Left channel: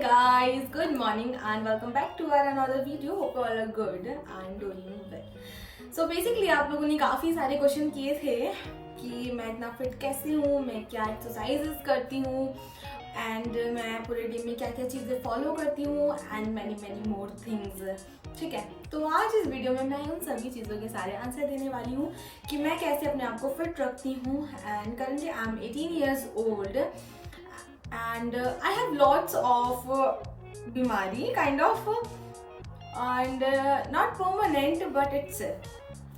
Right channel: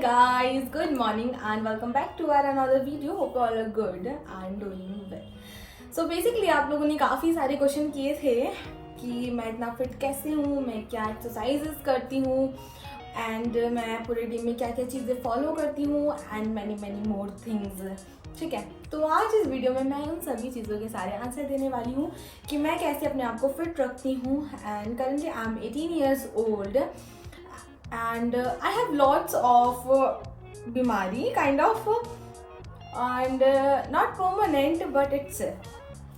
guys, good morning and welcome back to our another video. Hope you all are good and doing well. So basically आप लोगों ने काफ़ी सारे question किए थे कि मैं इतना फिट कैसे हूँ, मैं क्या एक्सरसाइजेस करती हूँ एंड मैं पूरे डे में क्या क्या चीज़ें फॉलो करती हूँ एंड मैनी मोर थिंग्स. ठीक है, तो आज इस वीडियो में मैं उन सभी चीज़ों के सारे आंसर देने वाली हूँ कि मैं कैसे अपने आप को फिट रखती हूँ. And currently I am 18 years old and I have lots of bimari kind of and not permanent but it's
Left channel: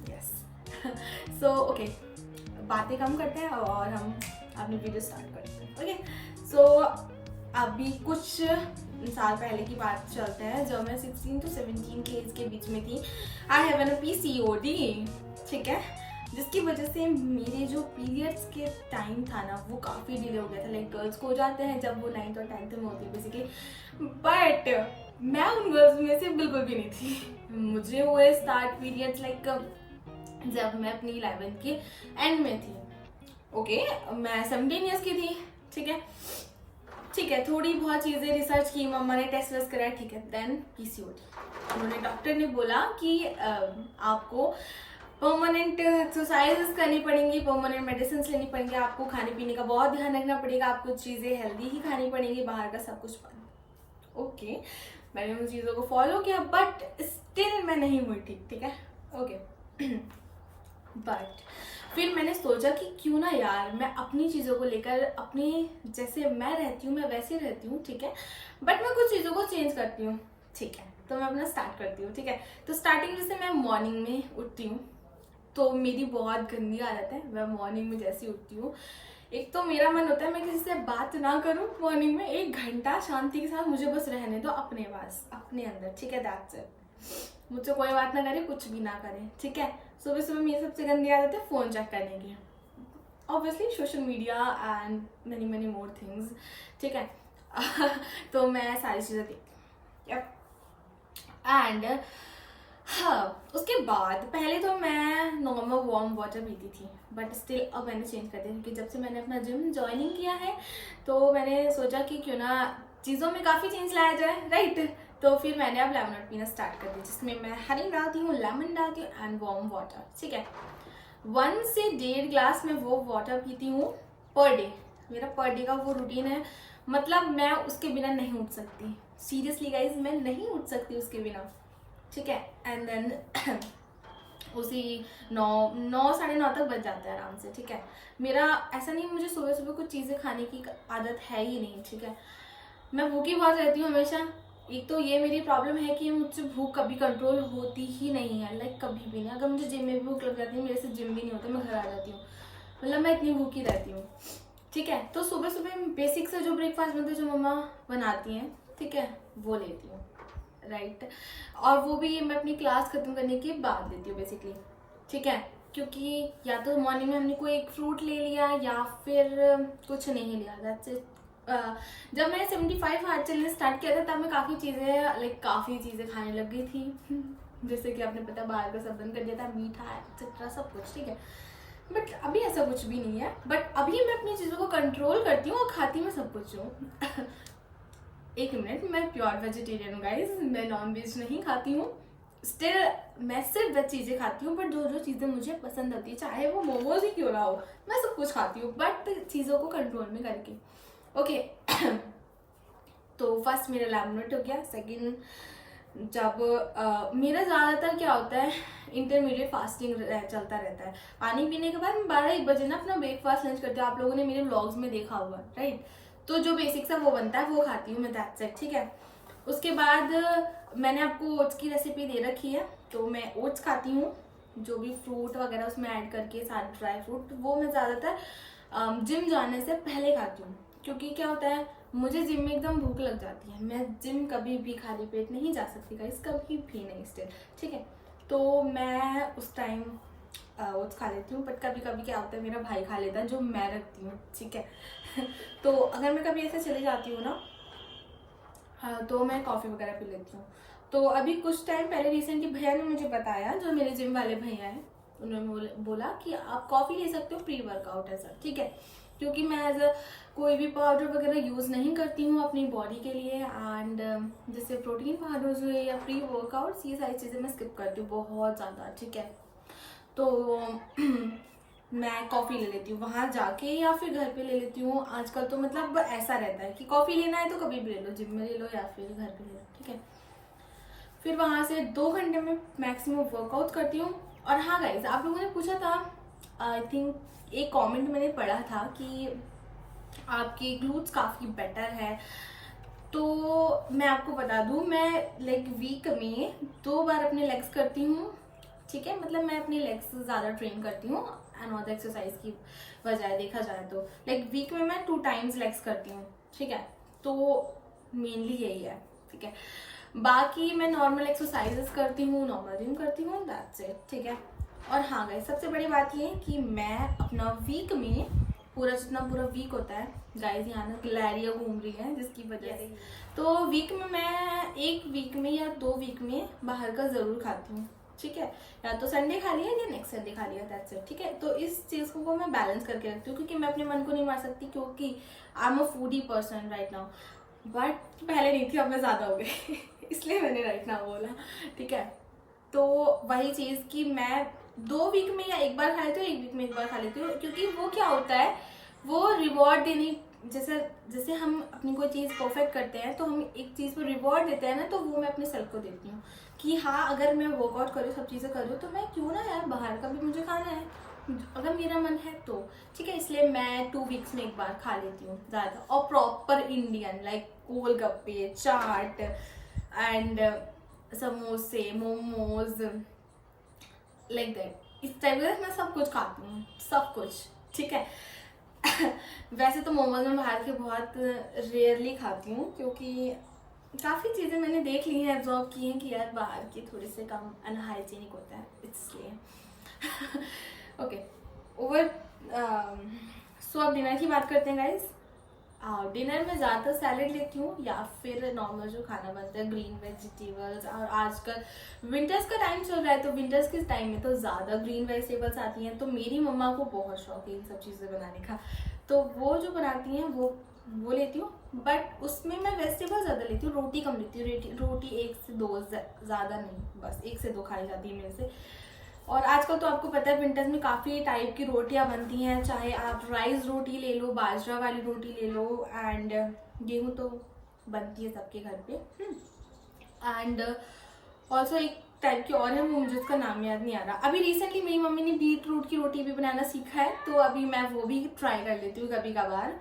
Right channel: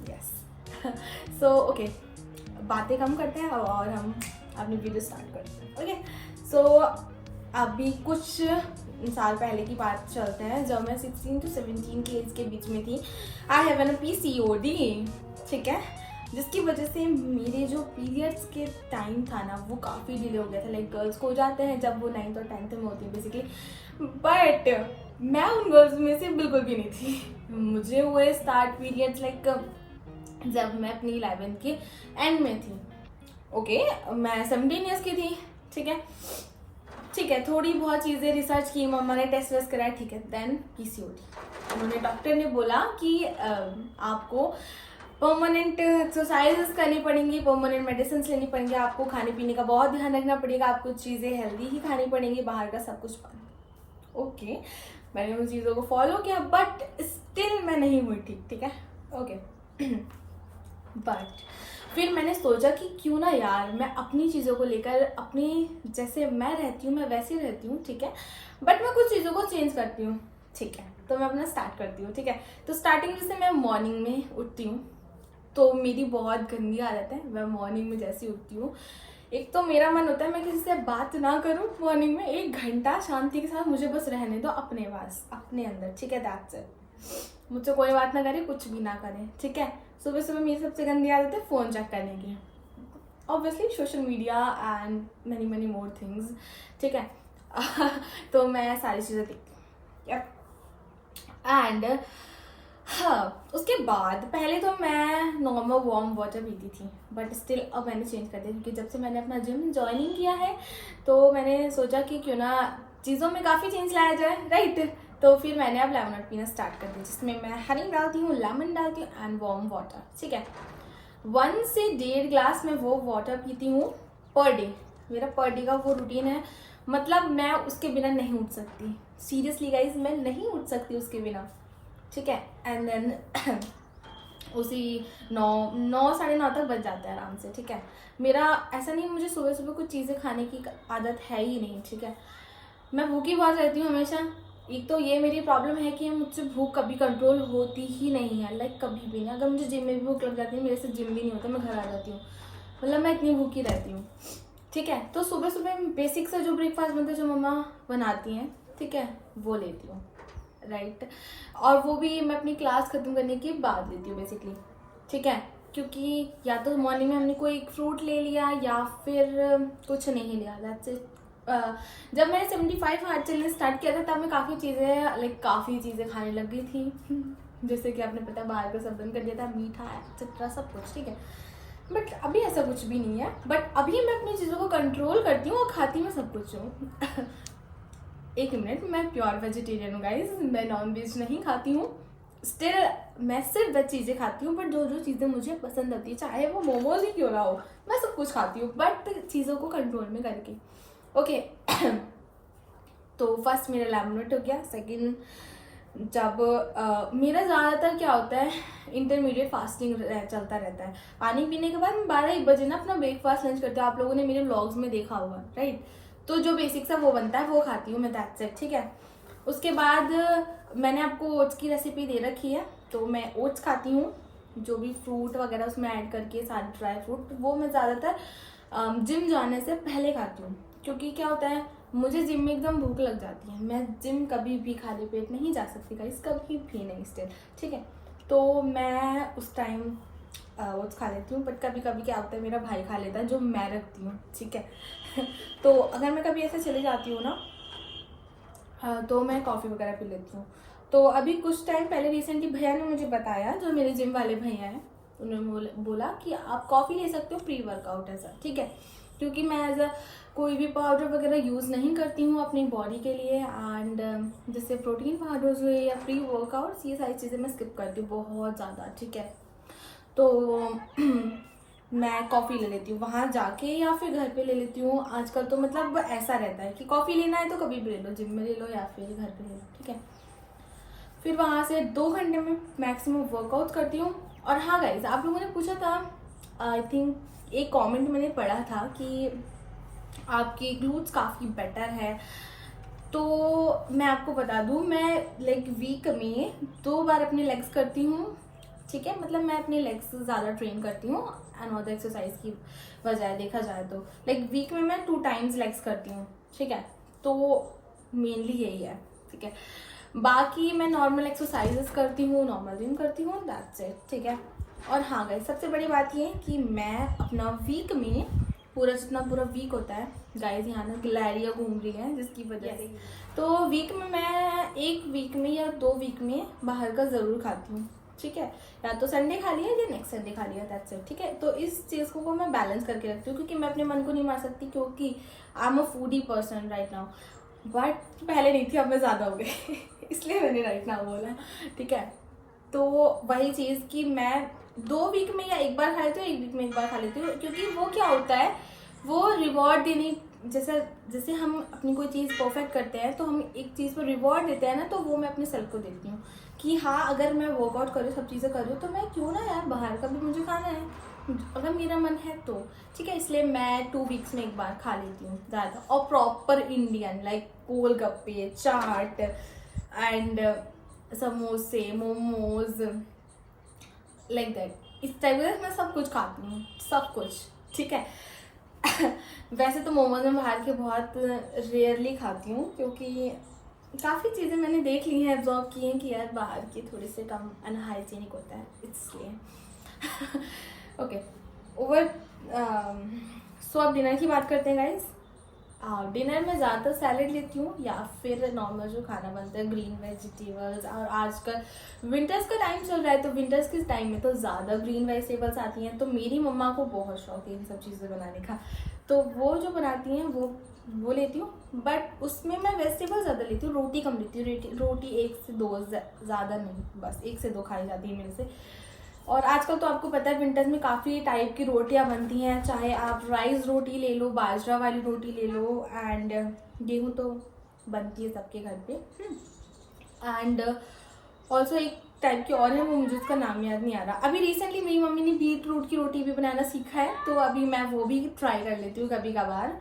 yes. So okay, बातें कम करते हैं और हम अपनी वीडियो स्टार्ट करते हैं. ओके, सो अभी कुछ साल पहले की बात चलते हैं जब मैं 16 to 17 की एज के बीच में थी. I have an PCOD. ठीक है, जिसकी वजह से मेरे जो पीरियड्स के टाइम था ना वो काफ़ी डिले हो गया था. लाइक गर्ल्स को हो जाते हैं जब वो 9th और 10th में होती है बेसिकली, बट मैं उन गर्ल्स में से बिल्कुल भी नहीं थी. मुझे हुए स्टार्ट पीरियड्स लाइक जब मैं अपनी 11th के एंड में थी. ओके, मैं 17 years की थी. ठीक है, थोड़ी बहुत चीज़ें रिसर्च की, मम्मा ने टेस्ट वेस्ट कराया. ठीक है, देन PCOD. उन्होंने डॉक्टर ने बोला कि आपको परमानेंट एक्सरसाइजेस करनी पड़ेंगी, परमानेंट मेडिसिन लेनी पड़ेंगी, आपको खाने पीने का बहुत ध्यान रखना पड़ेगा, आपको चीज़ें हेल्दी ही खानी पड़ेंगी, बाहर का सब कुछ बंद. ओके, मैंने उन चीज़ों को फॉलो किया बट स्टिल मैं नहीं हुई ठीक. ठीक है, ओके. बट फिर मैंने सोचा कि क्यों ना यार मैं अपनी चीज़ों को लेकर, अपनी जैसे मैं रहती हूँ मैं वैसे रहती हूँ. ठीक है, बट मैं कुछ चीज़ों को चेंज करती हूँ. ठीक है, तो मैं अपना स्टार्ट करती हूँ. ठीक है, तो स्टार्टिंग जैसे मैं मॉर्निंग में उठती हूँ तो मेरी बहुत गंदी आदत है. मैं मॉर्निंग में जैसी उठती हूँ, एक तो मेरा मन होता है मैं किसी से बात ना करूँ मॉर्निंग में, 1 घंटा शांति के साथ मुझे बस रहने दो अपने पास, अपने अंदर. ठीक है, दैट्स इट. मुझसे कोई बात ना करे, कुछ भी ना करे. ठीक है, सुबह सुबह मेरी सबसे गंदी आदत है फ़ोन चेक करने की. Obviously social media and many more things. ठीक है, तो मैं सारी चीज़ें देखती हूँ. एंड हाँ, उसके बाद पहले तो मैं नॉर्मल वार्म वाटर पीती थी बट स्टिल अब मैंने चेंज कर दिया क्योंकि जब से मैंने अपना जिम ज्वाइनिंग किया है तो मैंने सोचा कि क्यों ना चीज़ों में काफ़ी चेंज लाया जाए, राइट. तो फिर मैंने अब लेमन पीना स्टार्ट कर दिया जिसमें मैं हनी डालती हूँ, लेमन डालती हूँ एंड वार्म वाटर. ठीक है, 1 से 1.5 ग्लास में वो वाटर पीती हूँ पर डे. मेरा पर डे का वो रूटीन है, मतलब मैं उसके बिना नहीं उठ सकती. सीरियसली गाइज, मैं नहीं उठ सकती उसके बिना. ठीक है, एंड देन उसी 9 साढ़े 9 तक बच जाता है आराम से. ठीक है, मेरा ऐसा नहीं मुझे सुबह सुबह कुछ चीज़ें खाने की आदत है ही नहीं. ठीक है, मैं भूखी बहुत रहती हूँ हमेशा. एक तो ये मेरी प्रॉब्लम है कि मुझसे भूख कभी कंट्रोल होती ही नहीं है, लाइक कभी भी नहीं. अगर मुझे जिम में भी भूख लग जाती है, मेरे से जिम भी नहीं होता, मैं घर आ जाती हूँ, मतलब मैं इतनी भूखी रहती हूँ. ठीक है, तो सुबह सुबह बेसिक सा जो ब्रेकफास्ट बनता है जो मम्मा बनाती हैं, ठीक है, वो लेती हूँ, राइट. और वो भी मैं अपनी क्लास ख़त्म करने के बाद लेती हूँ बेसिकली. ठीक है, क्योंकि या तो मॉर्निंग में हमने कोई एक फ्रूट ले लिया या फिर कुछ नहीं लिया. That's it. जब मैंने 75 हार्ड चलने स्टार्ट किया था तब मैं काफ़ी चीज़ें खाने लग गई थी. जैसे कि आपने पता बाहर का सब बंद कर दिया था, मीठा एक्सेट्रा सब कुछ. ठीक है, बट अभी ऐसा कुछ भी नहीं है. बट अभी मैं अपनी चीज़ों को कंट्रोल करती हूँ और खाती मैं सब कुछ हूँ. एक मिनट, मैं प्योर वेजिटेरियन हूँ गाइज, मैं नॉन वेज नहीं खाती हूँ. स्टिल मैं सिर्फ वेज चीज़ें खाती हूँ, बट जो चीज़ें मुझे पसंद होती है चाहे वो मोमोज ही क्यों ना हो, मैं सब कुछ खाती हूँ बट चीज़ों को कंट्रोल में करके. ओके. तो फर्स्ट मेरा लैमिनेट हो गया. सेकंड, जब मेरा ज़्यादातर क्या होता है, इंटरमीडिएट फास्टिंग चलता रहता है. पानी पीने के बाद मैं 12-1 बजे ना अपना ब्रेकफास्ट लंच करती हूँ. आप लोगों ने मेरे व्लॉग्स में देखा हुआ, राइट. तो जो बेसिक सा वो बनता है वो खाती हूँ मैं, दैट्स इट. ठीक है, उसके बाद मैंने आपको ओट्स की रेसिपी दे रखी है तो मैं ओट्स खाती हूँ, जो भी फ्रूट वगैरह उसमें ऐड करके सारे ड्राई फ्रूट, वो मैं ज़्यादातर जिम जाने से पहले खाती हूँ. क्योंकि क्या होता है, मुझे जिम में एकदम भूख लग जाती है, मैं जिम कभी भी खाली पेट नहीं जा सकती गाइस, कभी भी नहीं स्टिल. ठीक है, तो मैं उस टाइम ओट्स खा लेती हूँ. बट कभी कभी क्या होता है, मेरा भाई खा लेता है जो मैं रखती हूँ. ठीक है. तो अगर मैं कभी ऐसे चले जाती हूँ ना तो मैं कॉफ़ी वगैरह पी लेती हूँ. तो अभी कुछ टाइम पहले रिसेंटली भैया ने मुझे बताया, जो मेरे जिम वाले भैया हैं, उन्होंने बोला कि आप कॉफ़ी ले सकते हो प्री वर्कआउट ऐसा. ठीक है, क्योंकि मैं एज अ कोई भी पाउडर वगैरह यूज़ नहीं करती हूँ अपनी बॉडी के लिए। एंड जैसे प्रोटीन पाउडर्स हुए या प्री वर्कआउट्स, ये सारी चीज़ें मैं स्किप करती हूँ बहुत ज़्यादा, ठीक है। तो मैं कॉफ़ी ले लेती हूँ वहाँ जाके या फिर घर पे ले लेती हूँ। आजकल तो मतलब ऐसा रहता है कि कॉफ़ी लेना है तो कभी भी ले लो, जिम में ले लो या फिर घर पे ले लो, ठीक है। फिर वहाँ से 2 घंटे में मैक्सिमम वर्कआउट करती हूँ। और हाँ गाइज, आप लोगों ने पूछा था, आई थिंक एक कमेंट मैंने पढ़ा था कि आपके ग्लूट्स काफ़ी बेटर है। तो मैं आपको बता दूँ, मैं लाइक वीक में 2 बार अपने लेग्स करती हूँ, ठीक है। मतलब मैं अपने लेग्स ज़्यादा ट्रेन करती हूँ एंड अदर एक्सरसाइज की बजाय देखा जाए तो लाइक वीक में मैं 2 टाइम्स लेग्स करती हूँ, ठीक है। तो मेनली यही है, ठीक है। बाकी मैं नॉर्मल एक्सरसाइजेस करती हूँ, नॉर्मल जिम करती हूँ, दैट्स इट, ठीक है। और हाँ गाइस, सबसे बड़ी बात ये है कि मैं अपना वीक में जितना पूरा वीक होता है, गाइस यहाँ ना गिलहरियाँ घूम रही हैं जिसकी वजह से, तो वीक में मैं 1 वीक में या 2 वीक में बाहर का ज़रूर खाती हूँ, ठीक है। या तो संडे खा लिया या नेक्स्ट संडे खा लिया, दैट्स इट, ठीक है। तो इस चीज़ को मैं बैलेंस करके रखती हूँ क्योंकि मैं अपने मन को नहीं मार सकती, क्योंकि I am a foodie person right now. But पहले नहीं थी, अब मैं ज़्यादा हो गई इसलिए मैंने राइट नाउ बोला, ठीक है। तो वही चीज़ कि मैं 2 वीक में या 1 बार खा लेती हूँ, 1 वीक में 1 बार खा लेती हूँ, क्योंकि वो क्या होता है, वो रिवॉर्ड देने जैसे हम अपनी कोई चीज़ परफेक्ट करते हैं तो हम एक चीज़ पर रिवॉर्ड देते हैं ना, तो वो मैं अपने सेल्फ को देती हूँ कि हाँ, अगर मैं वर्कआउट कर रही हूँ, सब चीज़ें कर रही हूँ, तो मैं क्यों ना यार बाहर का भी मुझे खाना है, अगर मेरा मन है तो, ठीक है। इसलिए मैं 2 वीक्स में 1 बार खा लेती हूँ ज़्यादा, और proper Indian like golgappe, chaat and समोसे, मोमोज, लाइक दैट, इस टाइप का मैं सब कुछ खाती हूँ, सब कुछ, ठीक है। वैसे तो मोमोज मैं बाहर के बहुत रेयरली खाती हूँ, क्योंकि काफ़ी चीज़ें मैंने देख ली हैं, एब्जॉर्व की हैं कि यार बाहर के थोड़े से कम अनहाइजीनिक होता है, इसलिए ओके। ओवर सो अब डिनर की बात करते हैं गाइज। डिनर में ज़्यादातर सैलेड लेती हूँ या फिर नॉर्मल जो खाना बनता है, ग्रीन वेजिटेबल्स। और आजकल विंटर्स का टाइम चल रहा है, तो विंटर्स के टाइम में तो ज़्यादा ग्रीन वेजिटेबल्स आती हैं, तो मेरी मम्मा को बहुत शौक है इन सब चीज़ें बनाने का, तो वो जो बनाती हैं वो लेती हूँ। बट उसमें मैं वेजिटेबल ज़्यादा लेती हूँ, रोटी कम लेती हूँ। रोटी 1 से 2, ज़्यादा नहीं, बस 1 से 2 खाई जाती है मेरे से। और आजकल तो आपको पता है विंटर्स में काफ़ी टाइप की रोटियां बनती हैं, चाहे आप राइस रोटी ले लो, बाजरा वाली रोटी ले लो, एंड गेहूं तो बनती है सबके घर पे। एंड ऑल्सो एक टाइप की और है, वो मुझे उसका नाम याद नहीं आ रहा। अभी रिसेंटली मेरी मम्मी ने बीट रूट की रोटी भी बनाना सीखा है, तो अभी मैं वो भी ट्राई कर लेती हूँ कभी कभार।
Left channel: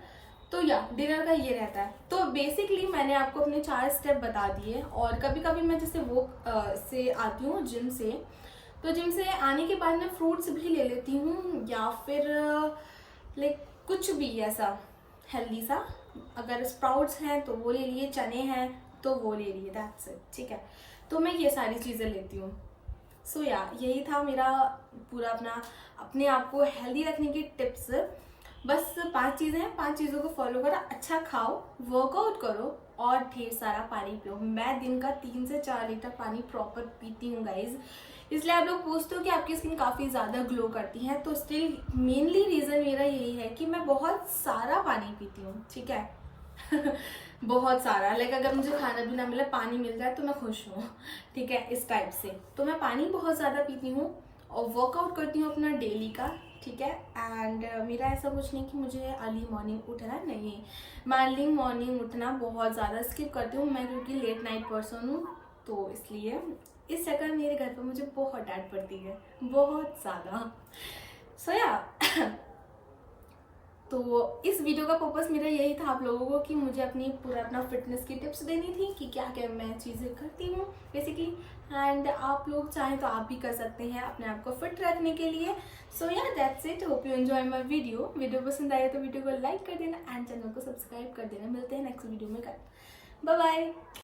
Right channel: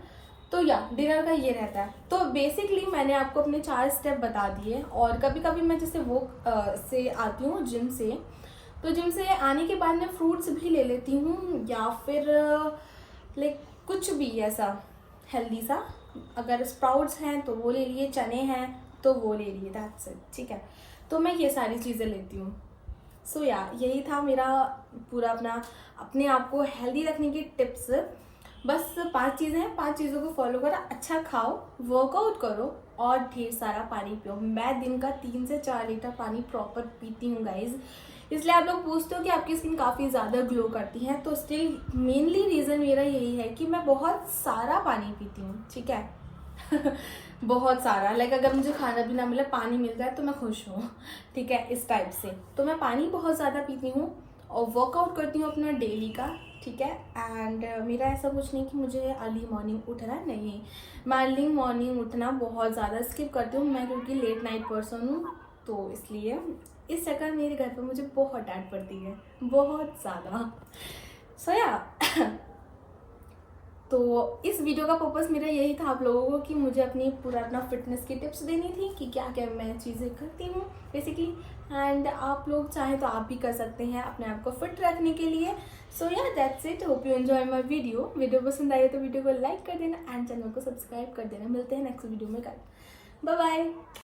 तो या डिनर का ये रहता है। तो बेसिकली मैंने आपको अपने 4 स्टेप बता दिए। और कभी कभी मैं जैसे वो से आती हूँ जिम से, तो जिम से आने के बाद मैं फ्रूट्स भी ले लेती हूँ, या फिर लाइक कुछ भी ऐसा हेल्दी सा, अगर स्प्राउट्स हैं तो वो ले लिए, चने हैं तो वो ले लिए, दैट्स इट, ठीक है। तो मैं ये सारी चीज़ें लेती हूँ। सो या यही था मेरा पूरा अपने आप को हेल्दी रखने की टिप्स। बस 5 चीज़ें हैं, 5 चीज़ों को फॉलो करो, अच्छा खाओ, वर्कआउट करो और ढेर सारा पानी पियो। मैं दिन का 3 से 4 लीटर पानी प्रॉपर पीती हूँ गाइज। इसलिए आप लोग पूछते हो कि आपकी स्किन काफ़ी ज़्यादा ग्लो करती है, तो स्टिल मेनली रीज़न मेरा यही है कि मैं बहुत सारा पानी पीती हूँ, ठीक है। बहुत सारा, लाइक अगर मुझे खाना भी ना मिले, पानी मिल जाए तो मैं खुश हूँ, ठीक है, इस टाइप से। तो मैं पानी बहुत ज़्यादा पीती हूँ और वर्कआउट करती हूँ अपना डेली का, ठीक है। एंड मेरा ऐसा कुछ नहीं कि मुझे अर्ली मॉर्निंग उठना है, नहीं, मैं अर्ली मॉर्निंग उठना बहुत ज़्यादा स्किप करती हूँ मैं, क्योंकि लेट नाइट पर्सन हूँ, तो इसलिए इस चक्कर मेरे घर पे मुझे बहुत डांट पड़ती है, बहुत ज़्यादा। सो या तो इस वीडियो का पर्पस मेरा यही था आप लोगों को कि मुझे अपना फिटनेस की टिप्स देनी थी कि क्या क्या मैं चीज़ें करती हूँ बेसिकली। एंड आप लोग चाहें तो आप भी कर सकते हैं अपने आप को फिट रखने के लिए। सो या that's it, hope you enjoy my video पसंद आए तो वीडियो को लाइक कर देना एंड चैनल को सब्सक्राइब कर देना। मिलते हैं नेक्स्ट वीडियो में कल, बाय बाय।